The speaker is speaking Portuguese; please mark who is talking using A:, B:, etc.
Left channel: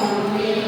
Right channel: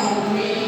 A: Amém.